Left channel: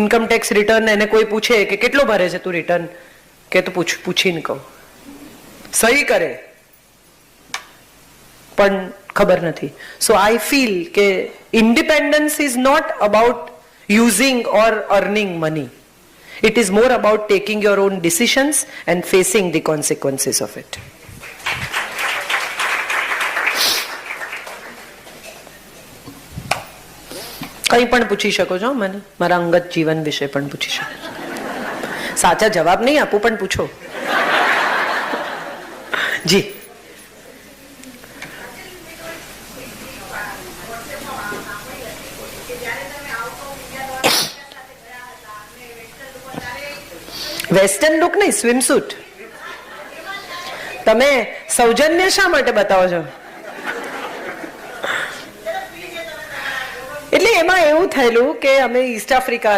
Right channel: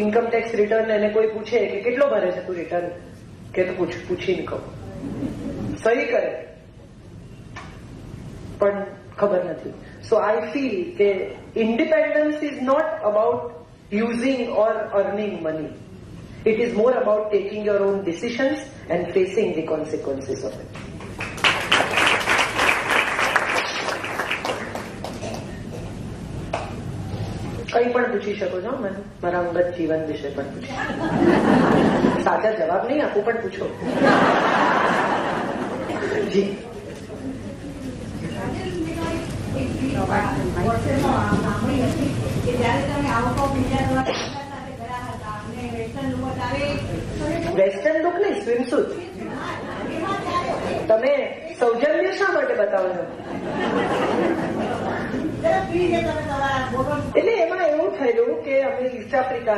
Income tax return એને કોઈ પૂછે કે કેટલો ભરે છે તું રિટર્ન, કે તો પૂછીને કહું, સહી કરે પણ ખબર નથી. સો આઈ ફીલ કે independence is not about using or earning money. It is more about taking your own decisions and facing the consequences of it. કંઈ પણ પૂછી શકો છો મને, મારા અંગત જીવન વિશે પણ પૂછી શકો. સાચા જવાબ નહીં આપું પણ પૂછો. જી વેસ્ટર્ન લુક નહીં, સ્વિમસૂટ. તમે સૌજન્ય શા માટે બતાવો છો? એટલે એમાં એવું થયેલું કે અમે ઈસ્ટ આફ્રિકા